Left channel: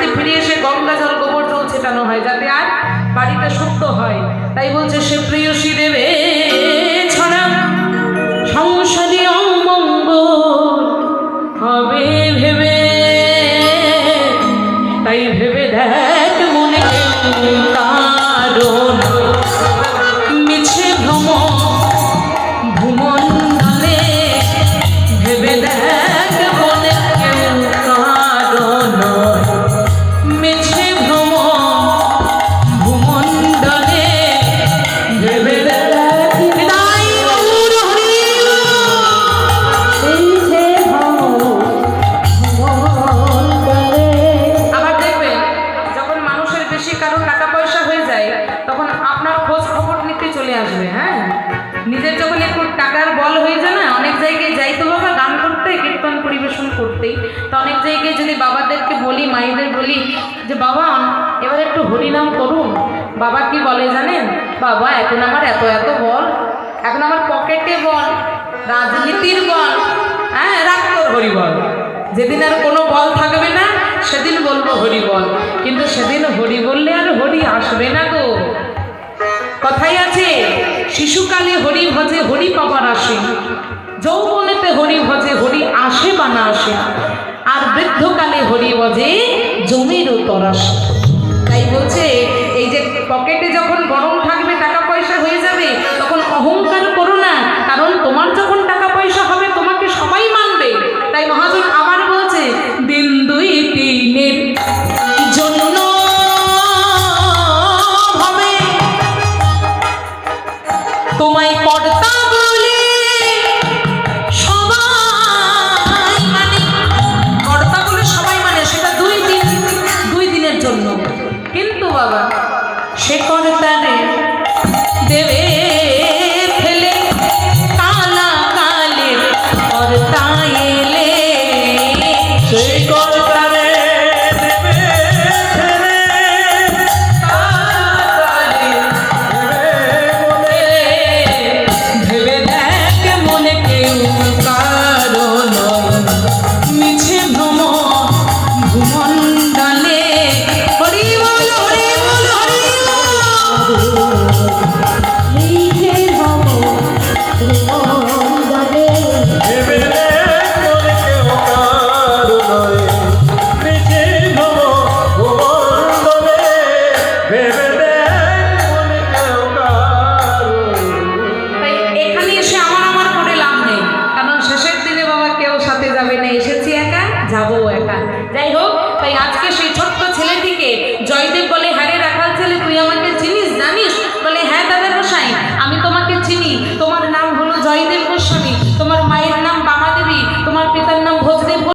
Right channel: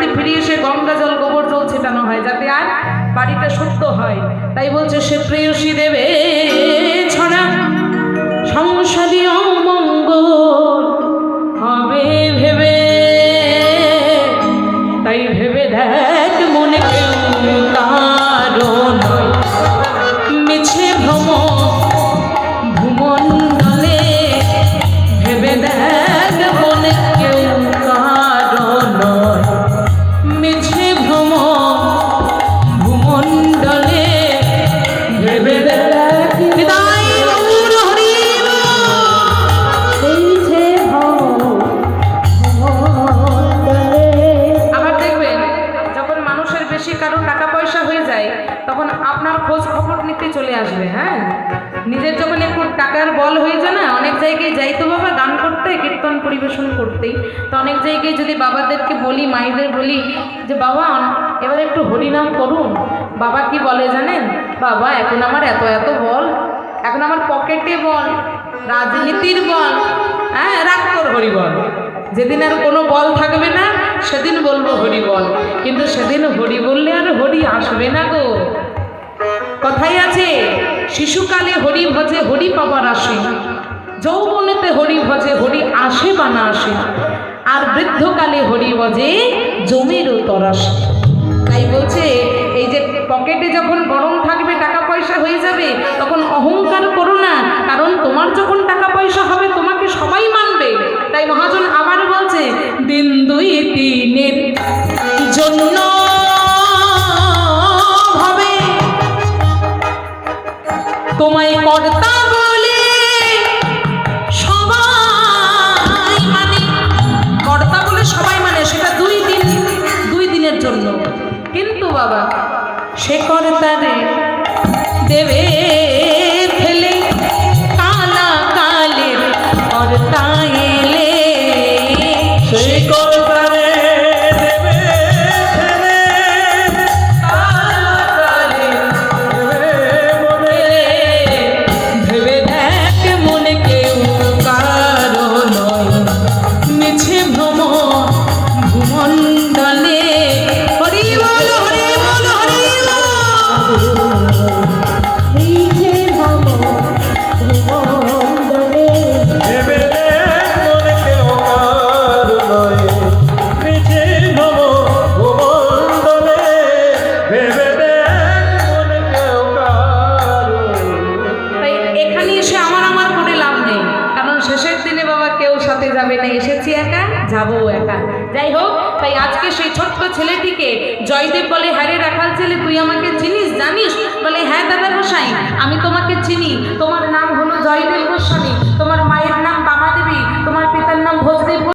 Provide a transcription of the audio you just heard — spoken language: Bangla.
বাড়িতে ফিরে এসে গঙ্গা জল গোবর জল ছেটানো হয় যাতে আর বাড়িটা শুদ্ধ হয়। তাই বলছে সে প্রেয়সী দেবে ছড়া সংসারী অমঙ্গল হবে ভেবে, তাই ভেবে দেখ মনে কারণ মিছে ভ্রম ভুমন্ডলে, ভেবে দেখ মনে কেউ কারণ মিছে ভ্রম ভুমন্ডলে, ভেবে দেখ চলে আসবে। হ্যাঁ, নিজের যখন একটু টাকার বল হয়ে যায় না, অনেক জায়গায় যাই তো বাবা গান করতে, কীর্তন পরিবেশন করতেই, তো অনেক জায়গায় যদি বাবাদেরকে বলি, মায়েদের বলি যে বাবা এবার একটু হরিনাম করুন, বাবা কি বলে জানেন? বাবা এখন আমার এত এত বল, এখন আমার পকেটে বল, রাজনীতির বল, হ্যাঁ রাগ কর হরি বল। যেদিন আর কোনো বল থাকবে না সেদিন বলবো হরি বল, কিন্তু সেদিন হরি বললে আর হরি আসবে না গো। কথাই আছে শিশুকালে হরি ভজে হরি পাবার আসে, যৌবনেতে হরি ভজে হরি আসে বা না আসে, আর বৃদ্ধকালে হরি ভজে জমির উপর আসে। তাই বলছে এই যে পকেটে যখন গরম থাকবে, টাকা পয়সা হয়ে যাবে, তখন অহংকার করো না, কারণ তোমার যখন টাকা পয়সা হবে তোমাকে সবাই মানবে। তাই মহাজন আবার বলছে দিন দুই তিনের জন্য তোমায় কর্তা বলে সবাই মানে, কর্তা বলে সবাই মানে সেটা দুই দিনের জন্য, কিন্তু বাবা সে কর্তারে দেবে ফেলে কালা কালের কর্তা এলে, সে কর্তারে যাবো একা। যাই হোক, তাই আজকে সেই ছোট্ট ছেলেটিকে জয়দেব বলে হ্যাঁ রে রাখাল ছেলে তুই আমাকে চিনিস জানিস? বলে হ্যাঁ দাদা মশাই আমি তোমাকে চিনি, তোমার নাম হলো জয়দেব।